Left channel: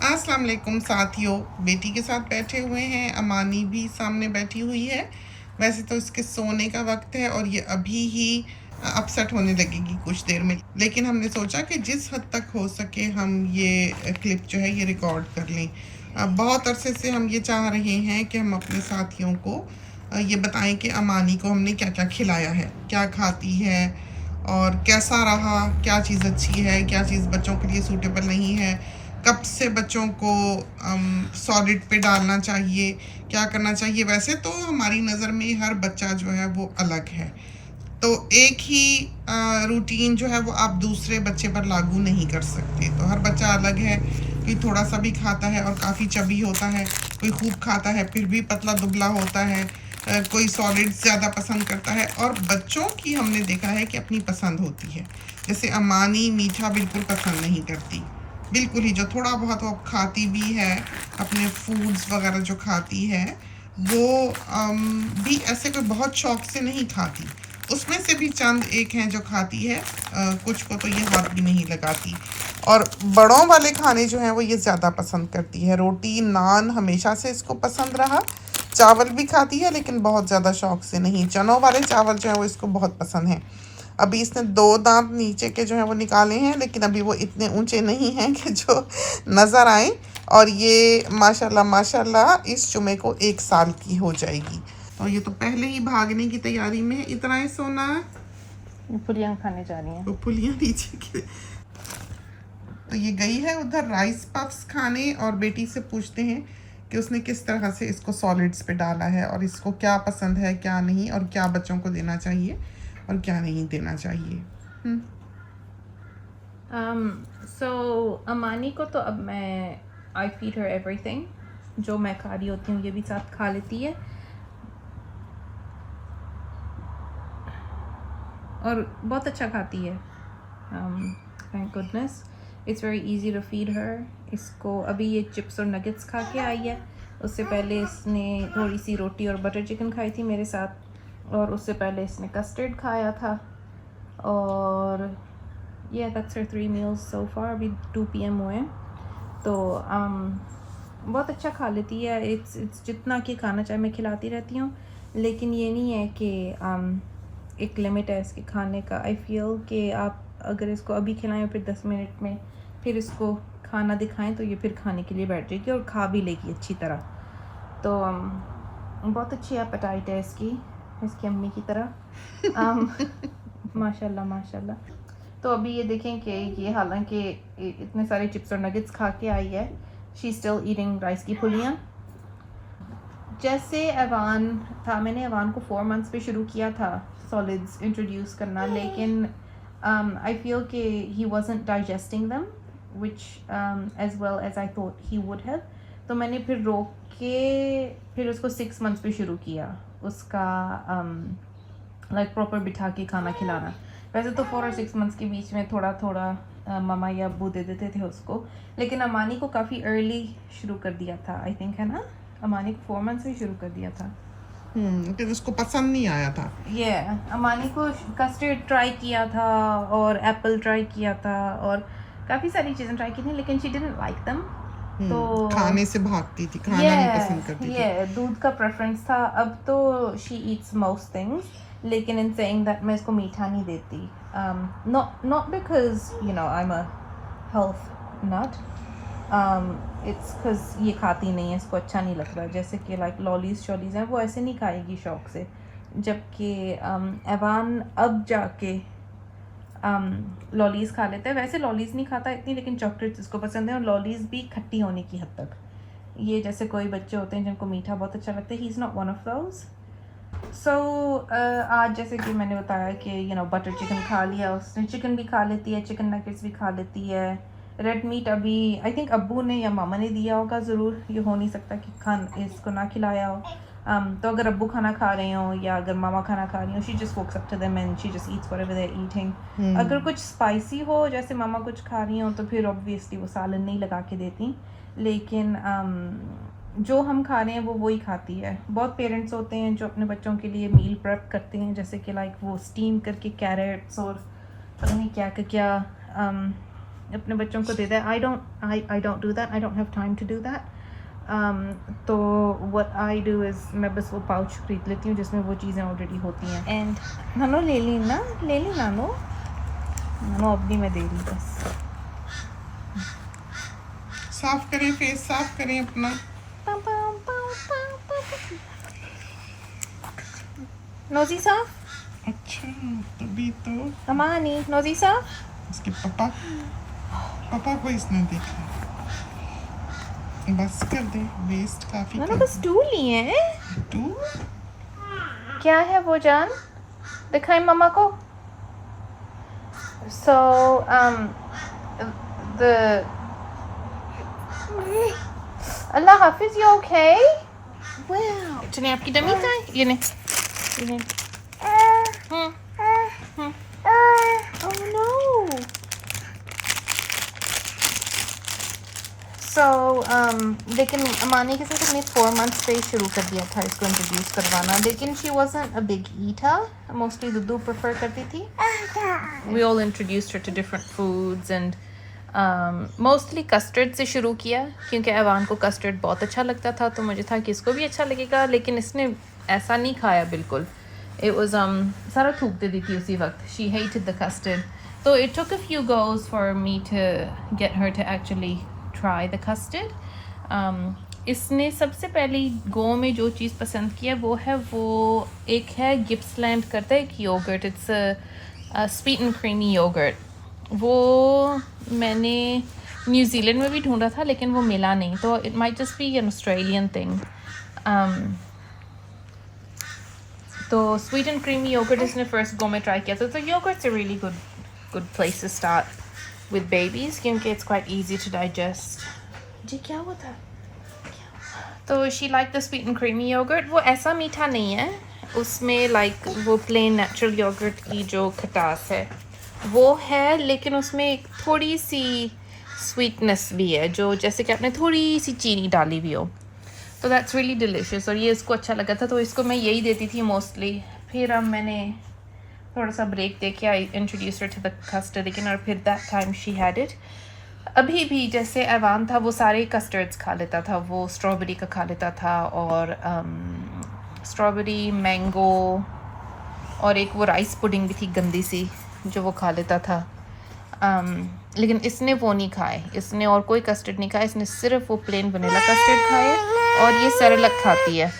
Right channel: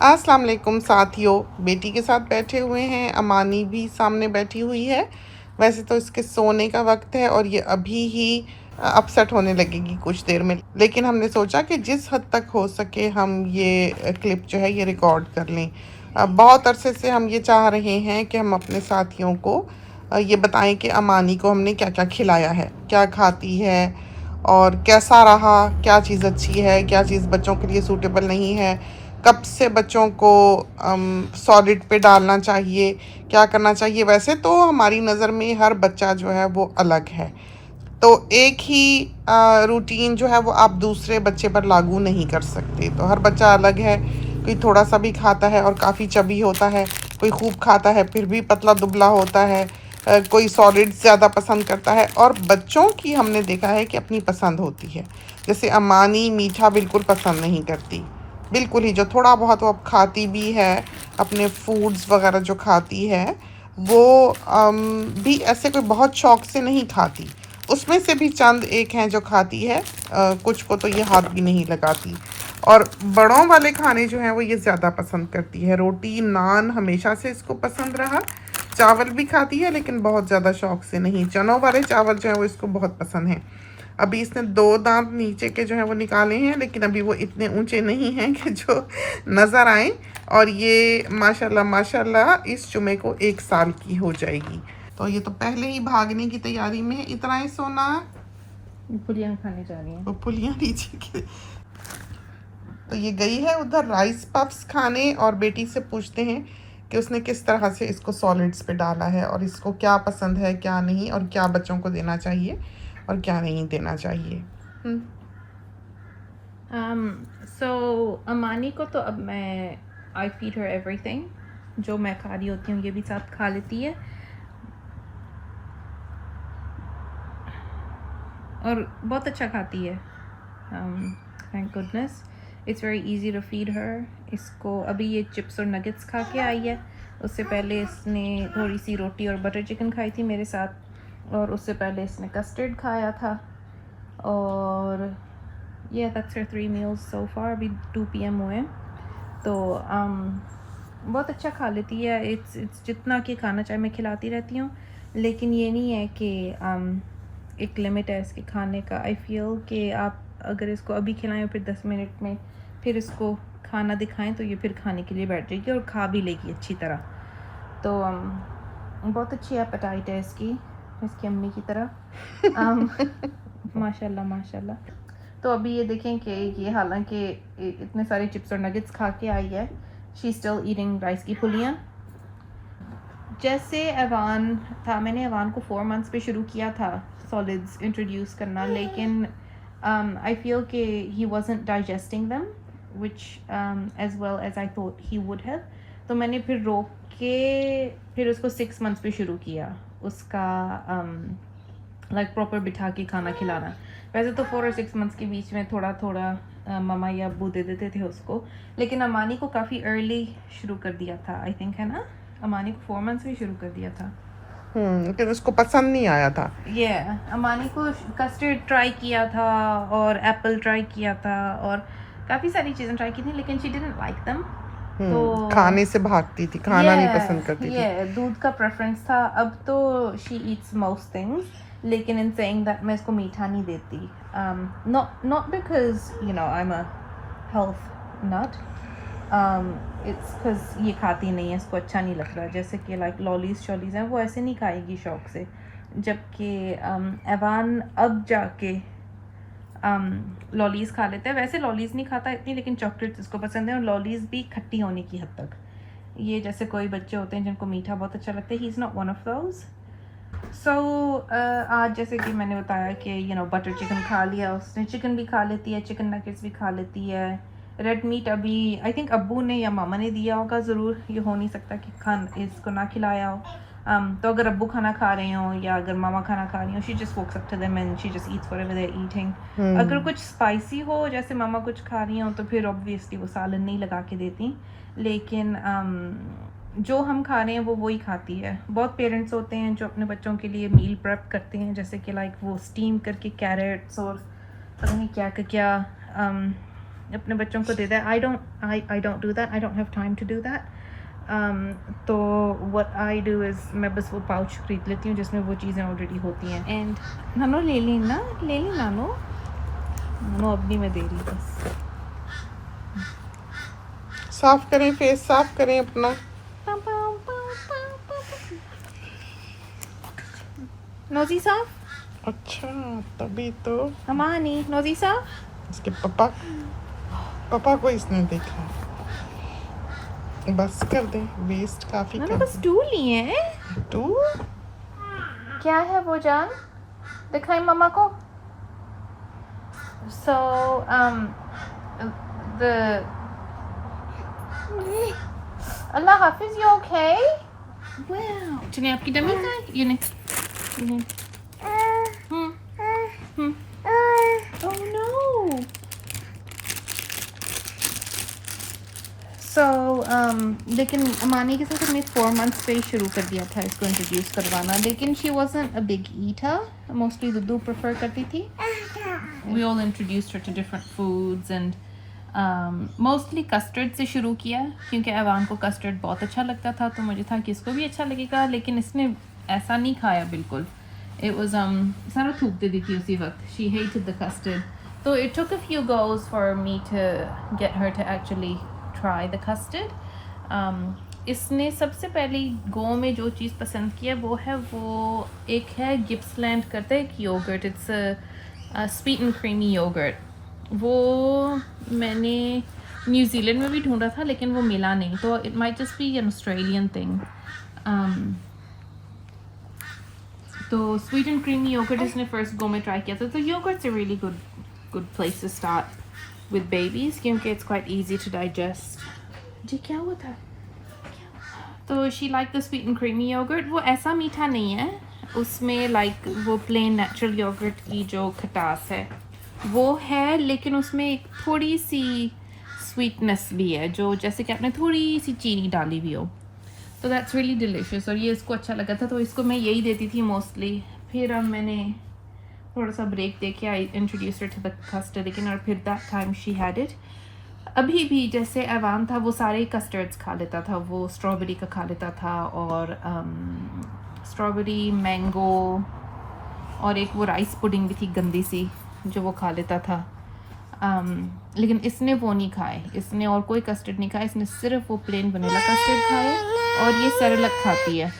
अस्सलाम वालेकुम साथियों, बेटी के साथ बैठे हुए हैं। अमानी भी सामने बैठी हुई है। वैसे तो इसके सोने का वक्त है और ये अभी ही अपसेट होने लगेगी कुछ देर में, लेकिन हमने सोचा कि जिस हद तक हो सके हम ये क्लिप जो है ये रिकॉर्ड कर लें। बहुत अरसे से हम ये चाह रहे हैं कि हम अपने साथियों को ये बताएं कि अमानी को हमने क्या क्या खिलाया है, क्या खाती है और कैसा रहा, क्या चीज़ अच्छी है, क्या चीज़ बच्चों के लिए सूटेबल नहीं है, कब से बच्चों को सॉलिड पे डालना चाहिए, क्या करना चाहिए। वैसे तो हमारी नज़र में हर बच्चा जो है वो अलग है, तो एक ही रूटीन जो है वो आप दूसरे बच्चे पर लागू नहीं कर सकते। तो हर बच्चा अलग है, कोई थोड़ा सा भी खाता है और काफ़ी चबी होता है, कोई खूब खाता है फिर भी पतला दुबला होता है, कोई सॉलिड ज़्यादा पसंद करता है। और बच्चों की हमने देखा है कि अपनी पसंद होती है। जैसे अमानी मीठा बिल्कुल पसंद नहीं करती, बिल्कुल ही। जो थोड़ा बहुत वो खाती भी है, अपने फूड्स वगैरह जो खाती है वो भी ऐसे कोई बहुत शौक से नहीं खाती। उसमें से भी चंद एक हैं जो खाती है, कुछ को तो ये हाथ भी नहीं लगाती। और बड़ों वाले खाने जो हैं वो ये ज़्यादा पसंद करती है। रोटी नान हमेशा से इसको पसंद रहा। चावल भी खाती है लेकिन बहुत ज़्यादा शौक से नहीं। चनों वाले चावल जो हैं वो इसको बहुत पसंद हैं। अभी इसने 2 दांत नीचे के जो हैं वो निकाले हैं, लेकिन अभी वो इतने ऊंचे नहीं हैं कि जो नज़र आए। और ये माशाल्लाह माशाल्लाह इस जुमे को 1 साल की हो जाएगी। तो ये तो पहले ही भागने की तैयारी में है। इतना ही सोना फुलियाँ खाने जा रही हैं। वो पुलियाँ नीचे के। तो ये गई है उधर राइस पफ्स खाने और बेटी से पूछते हैं कि उसने किस तरह से इसको सॉलिड्स पे डाला है और इसको क्या पसंद है क्या नहीं, और क्या बच्चों को देना चाहिए और क्या नहीं देना चाहिए। सो अमानी को तो अब मैं आई फीड हर एवरीथिंग, जो मैं खा रही होती हूँ ये भी साथ खा लेती है और बहुत अच्छा खाती है। Thank goodness, it's very easy to feed her. इसको अभी ये चिप्स और नगेट्स खा के आई है। उससे पहले इसने थोड़ी सी रोटी और बटर चिकन खाई थी मेरे साथ, और उससे पहले इसने कस्टर्ड खाया था। और yeah, that's her 3 meals so far. अभी 2 PM हुए हैं, तो बहुत अच्छा खा लेती है। इट्स जितना कि खाना चाहे मैं खिलाती रहती हूँ, लेकिन ये नहीं है कि एक लिमिट है इसके खाने का। आई फील कि आप अगर इसको अभी खिलाएं फिर 10 मिनट में फिर इसको खाना दिखाएं तो ये फिर खाने के लिए बैठ जाएगी और खा भी लेगी अच्छी तरह। तो बहुत अच्छी एपेटाइट है इसकी अम्मी की तरह। माशाल्लाह माशाल्लाह। तो अभी ये देखें कि ये हालांकि इतने सारे चिप्स और नगेट्स खा के आई है, शी स्टिल ईटिंग राइस की फुलियाँ। जैसे अवान था, मैंने अवान को 4 मंथ्स पे शुरू किया था सॉलिड्स इंट्रोड्यूस करना, लेकिन आई फील कि he wasn't digesting them which as well as I thought he would have. तो मैंने फिर रोक के फिर उसको 6 मंथ्स पे शुरू किया उसका लाइक प्रॉपर बिठा के खाना खिलाना। वैसे तो 4 और 6 मंथ्स के बीच में थोड़ा थोड़ा मामा या अब्बू दे देते थे उसको, लेकिन अमानी को काफ़ी अर्ली शुरू कर दिया था आई थिंक, है ना? अमानी को 4 मंथ्स से शुरू कर दिया था। लेकिन उसको पसंद नहीं आया था। ये अमानी को कस्टर्ड ट्राई किया था और एप्पल ट्राई किया था और काफ़ी सारी चीज़ें ट्राई की थी, लेकिन शी डिडंट लाइक देम। तो खाने से भागती थी, खाना नहीं पसंद करती थी। ये दूध का प्रेफरेंस था। अब तो शी ईट्स मोस्ट थिंग्स, लेकिन इन सेइंग दैट मैं इसको मीठा नहीं देती। Not because you know I am a health nut, it's because ये खाती नहीं है, इसको अच्छा नहीं लगता। जैसे कि लाइक लॉलीज शॉलीज हैं वो ऐसे नहीं खाएगी शौक से, जबकि एवान अब जाके लॉलीज खा लेते हैं। वैसे लॉलीज नहीं खाता इतनी, लेकिन चॉकलेट्स इसको पसंद है और लॉलीज भी खट्टी होने की हद तक। ये जैसे कोई बच्चे होते हैं जिनको मीठा बहुत अच्छा लगता है, he is not one of those. So आज जैसे कि मैंने बताया कि यू नो बटर चिकन खा लिया उसने, चिकन भी खा लेती है, चिकन नगेट्स भी खा लेती है। रेड मीट अभी आई थिंक अब्बू ने या मामा ने दिया होगा ज़रूर, ये हो नहीं सकता कि इसको ना खिलाया हो। तो अगर अब्बू खाना खा रहे हो या अगर मामा खाना खा रही हो, she just walks up to them and she just eats whatever they are eating. अगर कुछ स्पाइसी हो जैसे मामा कुछ खा रही हो तो फिर ऑब्वियसली वो सालन नहीं लगा के देती, लेकिन जो हम खा रहे हैं वो वही खाती है। बहुत पेरेंट्स होते हैं जो अपने बच्चों के लिए मील प्रेप करते हैं, जैसे कि लाइक वो स्टीम करके कैरेट्स और पता नहीं क्या क्या अपने बच्चों को देता है. I don't do that. I don't have time to do that. तो what I do is मैं बस वो पाउच खरीद लेती हूँ जिसमें वो चीज़ें ऑलरेडी होती हैं. एंड नानो ले ली नानो अपनी मैं दे रही बस. साफ करें, फेस साफ करें अपना. नोजी सा अच्छा, तभी तो अमानी नोजी सा. इसके पापा को इसने देखा है. बस कर दें, वेस्ट काफी मैंने कर बस टू लिए हैं. तू क्या है वो जान दिखाई मम्मा को. So the Allah Hafiz. You okay? Wow. चलिए आपकी डमी कहाँ है? ये नहीं. Oh no. So लेकिन अमानी के साथ हमने 4 months पे ही शुरू कर दिया था इसको इंट्रोड्यूस करवाना. लेकिन she wasn't a big eater. Mostly दुद्धू prefer करती थी. We all introduced her to different foods and mostly custard से शुरू किया क्योंकि ऐवान को कस्टर्ड बहुत अच्छा लगता था. तो मुझे था कि इसको भी अच्छा लगेगा. लेकिन इसने ऐसा नहीं खाया बिल्कुल. It was सारा थूक देती थी उसी वक्त. She hated the custard. So it took a few goes for me to get her to actually try the custard. इसने सबसे पहली गो में जो चीज़ पसंद किया वो एक है गिप्सलैंड करता है एक yogurt. It's a sweet and creamy yogurt. वो मैंने न्यूजीलैंड में भी ढूंढा था लेकिन वो मिला नहीं. तो it might just be an Australian thing. तो स्वीट एंड क्रीमी योगर्ट इसने फर्स्ट गो में ट्राई किया था. तो yogurt's a really good place to start with babies क्योंकि it's quite easy to digest. जी क्या हुआ था? तो she like the sweet and creamy yogurt. वो ऐसा मीठा नहीं है. उसमें लाइक वो प्लेन नेचुरल योगर्ट की जो खटास है वो है लेकिन उसमें एक थोड़ी सी स्वीटनेस भी है जो जैसे कि आपने थोड़ी सी चीनी डाली भी हो. तो दैट्स रियली डिलिशियस. और ये इसको अच्छा लगा था तो इसको मैं यही देती थी मोस्टली. फिर अब मैंने थोड़ा सा ब्रेक दे के I introduce to the custard लेकिन और फिर that time she had it. अभी भी जैसे ऐवान था वो सारे कस्टर्ड्स खा लेता था. वो स्ट्रॉबेरी का खा लेता था और स्ट्रॉबेरी मैंगो और एक वो राइस पुडिंग भी थी गंदी सी जो वो खा लेता था. लेकिन इसने वो नहीं खाए. इसने और कोई कस्टर्ड नहीं खाया. इसने सिर्फ वो प्लेन वनीला कस्टर्ड खाया और ये सेरेलक खाती है.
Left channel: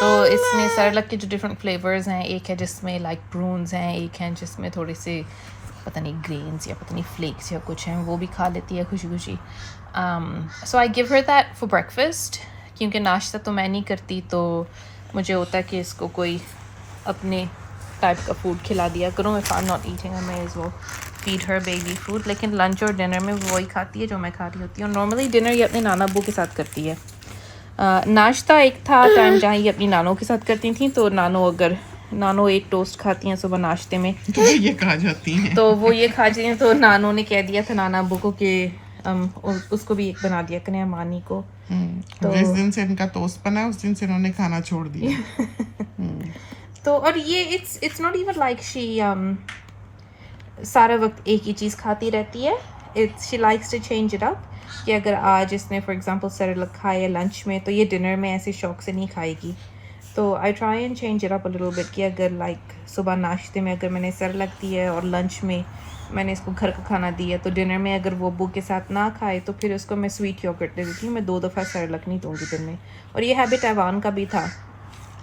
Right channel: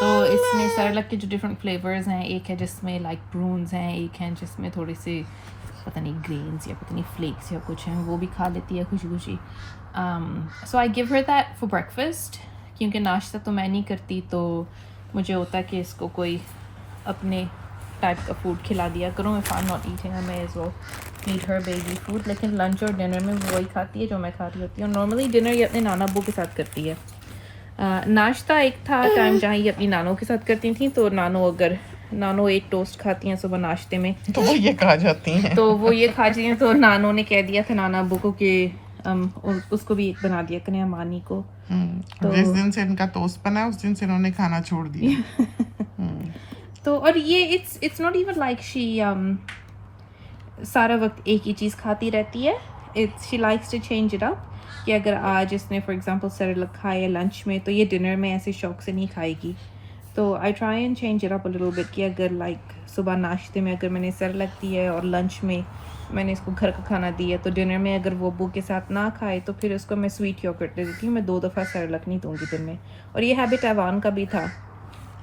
तो इसने सेरेलक के जो डिफरेंट फ्लेवर्स हैं एक है जिसमें लाइक प्रून्स हैं एक है जिसमें थोड़े से पता नहीं ग्रेन्स या पता नहीं फ्लेक्स या कुछ हैं वो भी खा लेती है खुशी खुशी. So I give her that for breakfast क्योंकि नाश्ता तो मैं नहीं करती. तो मुझे होता है कि इसको कोई अपने टाइप का फूड खिला दिया करूँ. If I am not eating मैं इज़ वो फीड हर बेबी फूड. लेकिन लंच और डिनर में वो ही खाती है जो मैं खा रही होती हूँ. नॉर्मली डिनर ये अपने नाना अब्बू के साथ करती है. नाश्ता एक था टाइम जहाँ ये अपनी नानों के साथ करती थी. तो नानो एक टोस्ट खाती हैं सुबह नाश्ते में तो वो ये खा जाती हैं. तो वो ये खा जाती हैं. तो नानो ने कह दिया था नाना अब्बू को कि उसको भी एक बना दिया करें अमानी को. तो जिस दिन से इनका टोस्ट बना उस दिन से इन्होंने खाना छोड़ दिया. तो और ये it's not even like she सारा वक्त एक ही चीज़ खाती रहती है. It's she likes to change it up कि अगर आज इसने फॉर एग्जांपल सेरेलक खाया लंच में तो ये डिनर में ऐसे शौक से नहीं खाएगी. तो आई try and change it up a little bit कि अगर लाइक सुबह नाश्ते में अगर मैंने सेरेलक दिया है और लंच में मैंने इसको घर का खाना दिया तो डिनर में अगर वो अब्बू के साथ ना खाए तो फिर उसको मैं स्वीट योगर्ट दे देती हूँ. मैं 2 दफ़ा सेरेलक नहीं दूँगी दिन में. और ये हैबिट ऐवान का भी था.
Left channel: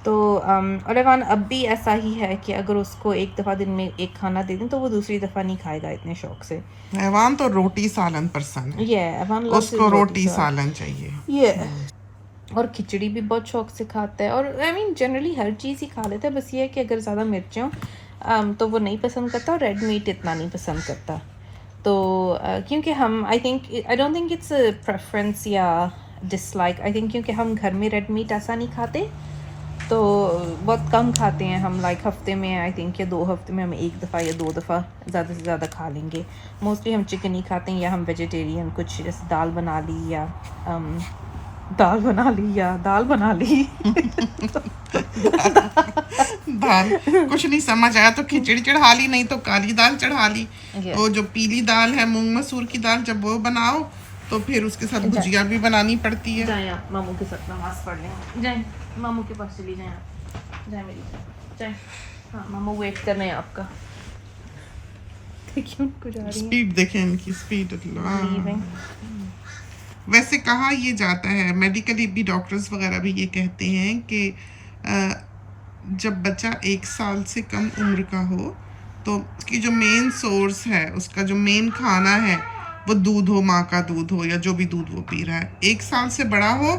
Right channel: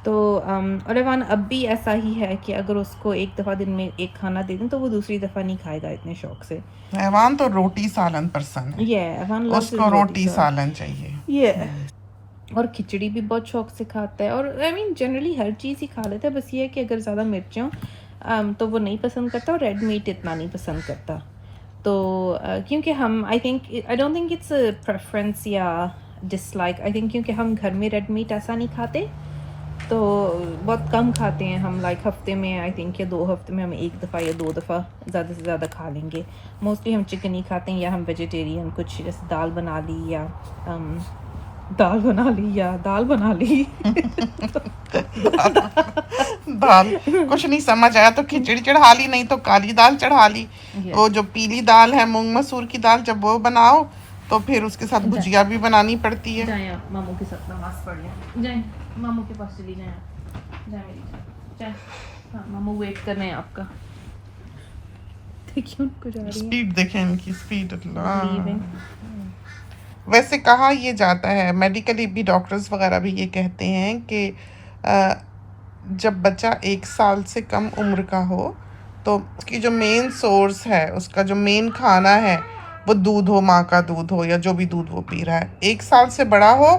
तो और ऐवान अब भी ऐसा ही है कि अगर उसको एक दफ़ा दिन में एक खाना दे दें तो वो दूसरी दफ़ा नहीं खाएगा इतने शौक से. ऐवान तो रोटी सालन पर्सन है. ऐवान उसको रोटी सालन चाहिए. और खिचड़ी भी बहुत शौक से खाता है. और आई मीन जनरली हर चीज़ ही खा लेता है. बस ये है कि अगर ज़्यादा मिर्चें हों तो वो नहीं पसंद करता. और रेड मीट इतना नहीं पसंद करता. तो क्योंकि हम I don't think it's a preference या डिसलाइक. आई थिंक क्योंकि हम घर में रेड मीट ऐसा नहीं खाते तो बहुत कम खाते हैं हम. लाइक हफ्ते में आई थिंक या 2 हफ्ते में हम 1 दफ़ा या 2 दफ़ा ज़्यादा से ज़्यादा खा लेंगे. मोस्टली हम चिकन ही खाते हैं या हम वेजिटेरियन कुछ जैसे दाल बना ली या दाल बना ली या दाल बना ली। दाल कुछ नहीं समझ आया तो खिचड़ी चढ़ा ली, नहीं तो काली दाल चढ़ा ली। Yes. वो जो पीली दाल है मूंग मसूर की दाल, जब वो बनाओ तो फिर उसके साथ भुजिया भी बनानी पड़ती है। जाए आप मामू के साथ नमाज पढ़ लें, जाए मामू के पास चली जाए आप, जाए मेरी जाए। हाँ मामू वेट कर रहे हैं आपका। देखिए कुछ आ रही है। स्पीड देखें इनकी स्पीड। वैसे कहा ये जाता है, मेडिकली भी डॉक्टर्स वगैरह भी ये कहते हैं कि जब बच्चा 1 साल से कम उम्र का हो तो उसकी जो मेन सोर्स है, उसका जो मेन खाना है वो दूध हो, माँ का दूध हो या जो भी दूध वो पी रहा है। 1 साल से बड़ा हो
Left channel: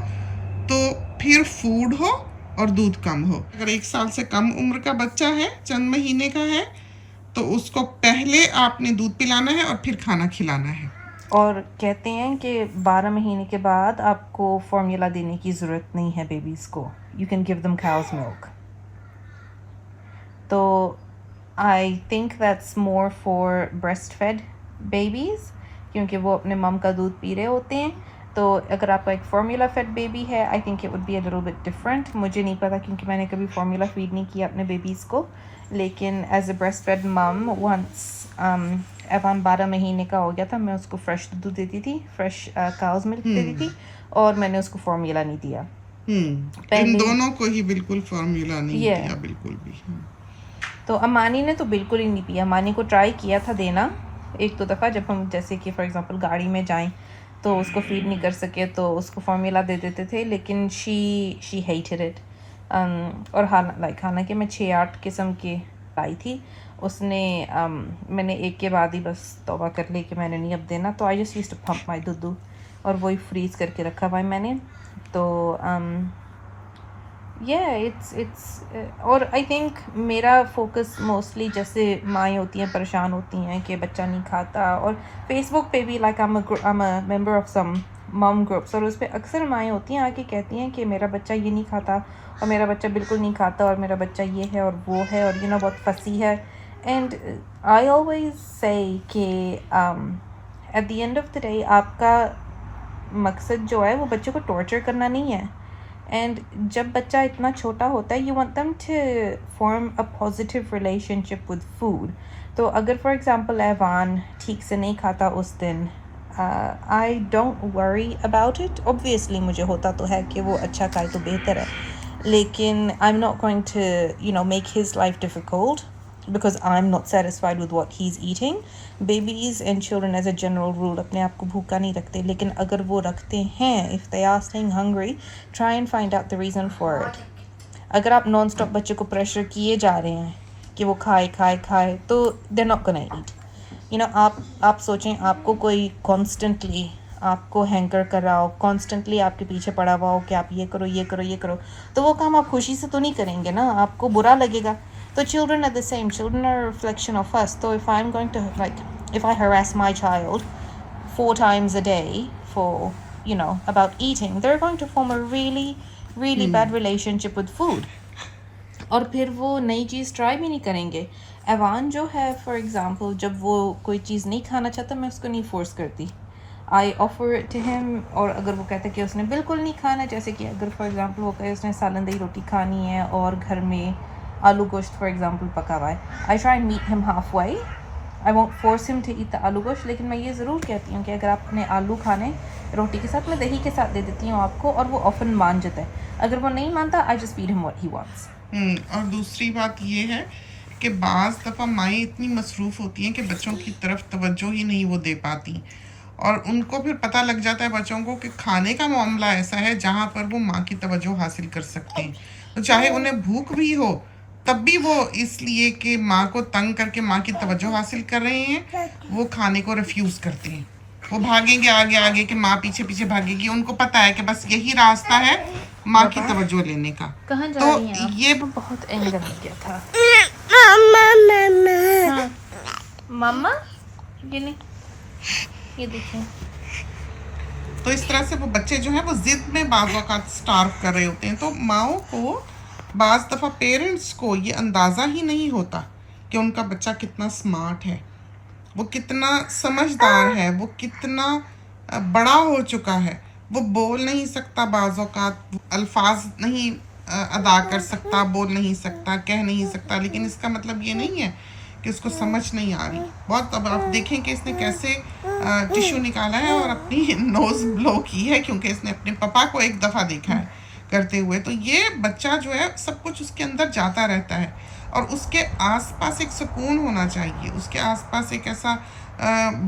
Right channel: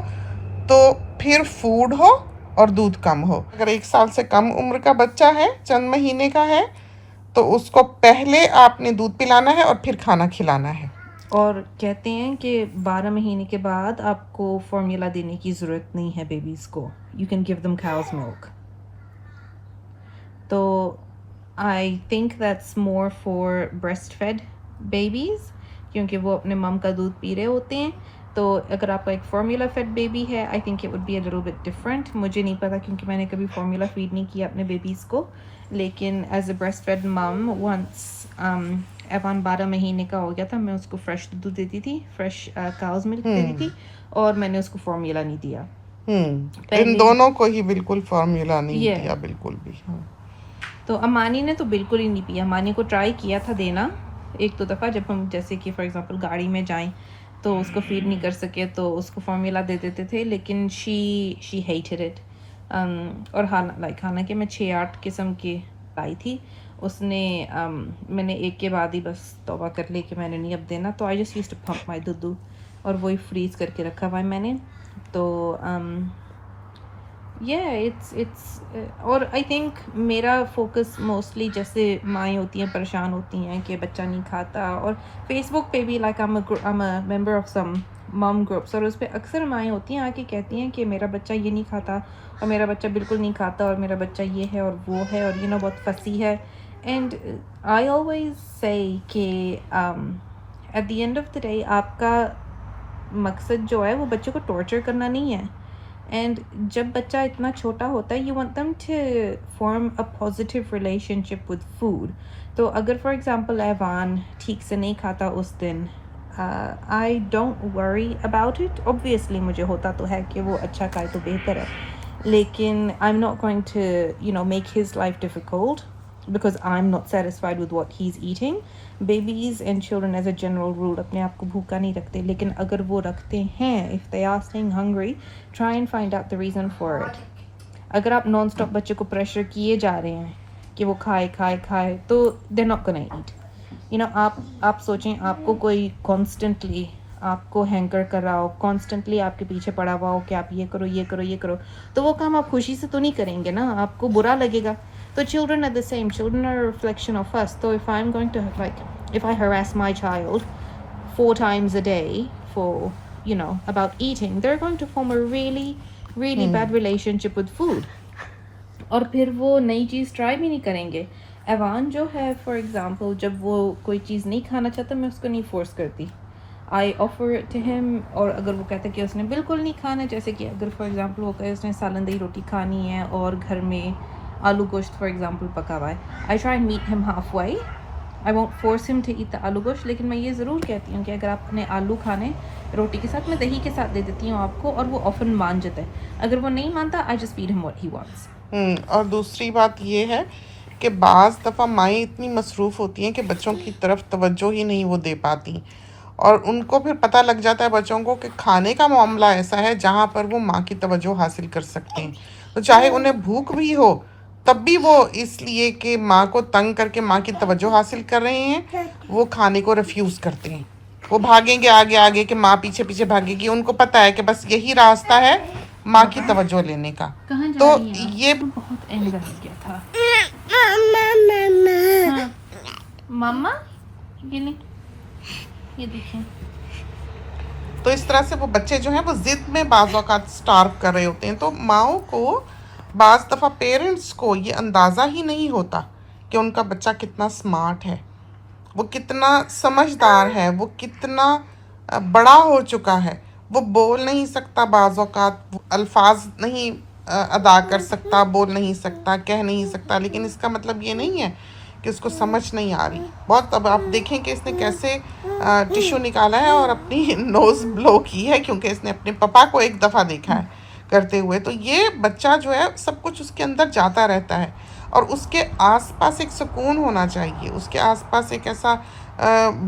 तो फिर फूड हो और दूध कम हो। अगर 1 साल से कम उम्र का बच्चा है, चंद महीने का है, तो उसको पहले आपने दूध पिलाना है और फिर खाना खिलाना है। और कहते हैं कि 12 महीने के बाद आपको फॉर्मूला देने की ज़रूरत नहीं है बेबीज़ को, you can give them cow's milk. तो I think that's more for breast fed babies, क्योंकि वो अपने मम का दूध पी रहे होते हैं। तो अगर आपका एक फार्मूला फेड बेबी है, I think it would be a little bit different. मुझे नहीं पता क्योंकि मैंने कभी फार्मूला फीड नहीं किया अपने बेबीज़ को, लेकिन एज अ ब्रेस्ट फेड मम वंस एवान 12 महीने का हो गया था, मैं उसको फ्रेश दूध देती थी, फ्रेश काउज मिल्क देती थी, और मैंने उसको फार्मूला नहीं दिया। इन दोनों को ही बिल्कुल फार्मूला नहीं Yeah. दिया बिल्कुल भी। तो अमानी ने तो बिल्कुल ही नहीं पिया। अमानी को ट्राई किया था देना 1-2 दफ़ा, जब हम जैसे कि फॉर एग्जांपल गाड़ी में जाएं तो उसको फीड नहीं कर सके तो उसको फार्मूला दे देते थे, लेकिन शी हेटेड इट। और हालांकि मैं 6-8 किस्म की लाई थी, उसने मैंने एक के बाद ही बस तौबा कर ली कि मैंने नहीं अब देना। तो I just used to pump my दूध, और वही फ्रीज़ करके रखा हुआ है मैंने। तो इट्स और आई थिंक मेरा फोकस मोस्टली, जैसे माएँ होती हैं परेशान होती हैं कि बच्चा नहीं खाता, और फेसबुक पे भी like I am a member of some um groups, और उस पर अक्सर माएँ होती हैं आके कहती हैं कि मेरा बच्चा ये नहीं खाता, और मेरा बच्चा बिल्कुल नहीं खाता, और मेरा बच्चा ये है और वो है, और बहुत फंसी है। एंड आई ऑलवेज से कि at the end of the day आपका मकसद जो है वो बच्चे को टॉर्चर करना नहीं है। एंड जब बच्चा इतना छोटा होता है, you want them to form a positive relationship with food. तो अगर फॉर एग्जांपल एवान ठीक से नहीं खाता उस दिन, I don't worry about it. Obviously मुझे होता तो है कि वो अच्छा खाए तो बेहतर है, लेकिन I am not going to make his life difficult because I'm not satisfied with what he's eating. Babies and children as a general rule अपने आप को भूखा नहीं रखते, लेकिन अगर वो रखते हैं, if they are staying hungry, try and find out the reason for it. अगर आप नॉन स्टॉप बच्चे को प्रेशर किए जा रहे हैं कि वो खाए खाए खाए, तो they're not gonna eat. आप सोचें आपको कोई constantly आपको हैंकर कर रहा हो, कॉन्स्टेंटली आपके पीछे पड़ा हुआ हो कि आप ये करो ये करो ये करो, तो वो काम आप खुशी से तो नहीं करेंगे ना, आपको बुरा लगेगा। तो children are the same. Children are a reflection of us. So if I'm going to if I harass my child 4 times a day for about eating, they're going to form a really bad relationship with food. और फिर वो नई चीज़ try भी नहीं करेंगे। Evan जो है for example, जब वो कोई चीज़ नहीं खाना चाहता, मैं उसको नहीं फोर्स करती, I offer it to him. और अगर वो कहता है कि उसने बिल्कुल नहीं खाना, जैसे कि अगर फॉर एग्जांपल वो कहे उसने सालन दही रोटी खानी है और घर में आलू गोश्त फॉर एग्जांपल पका हुआ है, I try and meet him half way. I won't force him to eat the aloo gosht, लेकिन मैं ये ज़रूर कहती हूँ कि अगर आप अपने आलू खाने रोटी के साथ, मैं दही के साथ दे देती हूँ आपको, और वो ऑफन मान जाता है। अगर वो नहीं मानता, I just feed him what he wants. और दूसरी बात ये है कि बाज़ दफ़ा माएँ इतनी मसरूफ़ होती हैं कि बच्चों की तरफ तवज्जो ही नहीं वो दे पाती, और उनको फिर पता लग जाता है बच्चों को कि खाने का मामला ऐसा है जहाँ पर वो माँ की तवज्जो हासिल कर सकते हैं। तो चाहे उन्हें भूख भी हो, तब भी वो इसलिए कि माँ को तंग करके माँ की तवज्जो हासिल कर रहे हैं, वो खाने को रिफ्यूज़ करते हैं। वो भागेंगे आगे आगे कि माँ पीछे पीछे भागेगी, उनको पता है कि बस यही रास्ता है माँ की तवज्जो लेने का। तो ये बहुत एंगर हो गया था। मम्मा ये नहीं, ये देखिए। तो इस तरह से वो बच्चे जो हैं वो ज़िद में बाज़ औक़ात स्टार्व कर रहे होते हैं। तो माओं को बाज़ दफ़ा पेरेंट्स को ये अंदाज़ा ही नहीं होता कि उनका बच्चा कितना स्मार्ट है, वो कितना समझदार है, वो कितना बड़ा हो चुका है। वो बोल नहीं सकता, बाज़ औक़ात अल्फाज नहीं अदा कर सकता, बोल नहीं सकता, कह नहीं सकता, लेकिन इसका मतलब ये नहीं है कि उसको समझ नहीं आ रही। बहुत अब आप देखें कि इसने कैसे टिश्यू निकाला है और अपनी नोज़ ब्लो की है, क्योंकि इसने अपने पापा को एक दफ़ा देखा है करते हुए। तो ये बच्चा जो है सब कुछ उसके अंदर जाता रहता है, और उसके आसपास एक सुकून होना चाहिए, उसके आसपास एक ऐसा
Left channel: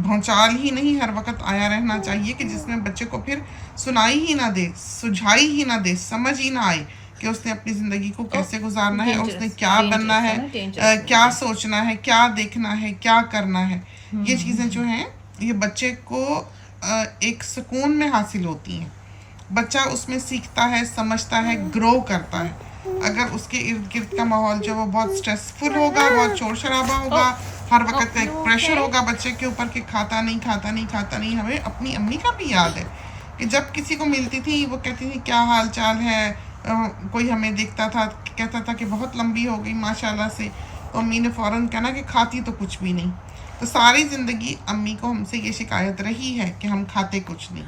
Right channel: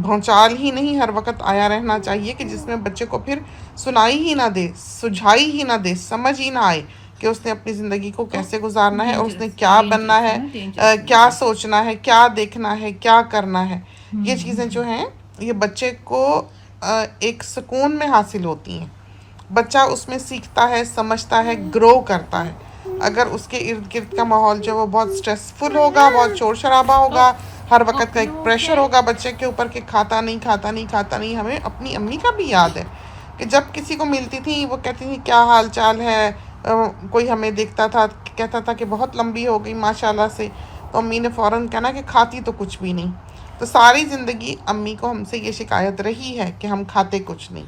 भौचाल ही नहीं हर वक्त आया रहना चाहिए कि जिसमें बच्चे को फिर सुनाई ही ना दे, सुझाई ही ना दे, समझ ही ना आए कि उसने अपनी ज़िंदगी को कैसे गुजारना है और उसने क्या बनना है, क्या सोचना है, क्या देखना है, क्या करना है। ये चीज़ें जो हैं ये बच्चे को एक सुकून में हासिल होती हैं। बच्चा उसमें सीखता है, समझता है, ग्रो करता है। अगर उसके इर्द गिर्द का माहौल जो वो बहुत स्ट्रेसफुल होगा, बहुत शोर शराबा होगा, हर वक्त का एक प्रेशर होगा बच्चे के ऊपर कि खाता नहीं खाता नहीं खाता नहीं। हमें अपनी अम्मी का भी याद है कि जब किसी को मिलती थी वो कहती थी क्या हाल चाल है, कोई हमें देखता था कहता था कि बहुत लंबी हो गई माशाल्लाह से, तो अम्मी ने फ़ौरन कहना कि खाती तो कुछ भी नहीं। तो सारी ज़िंदगी अम्मी को हमसे ये शिकायत रही है कि हम खाते कुछ नहीं।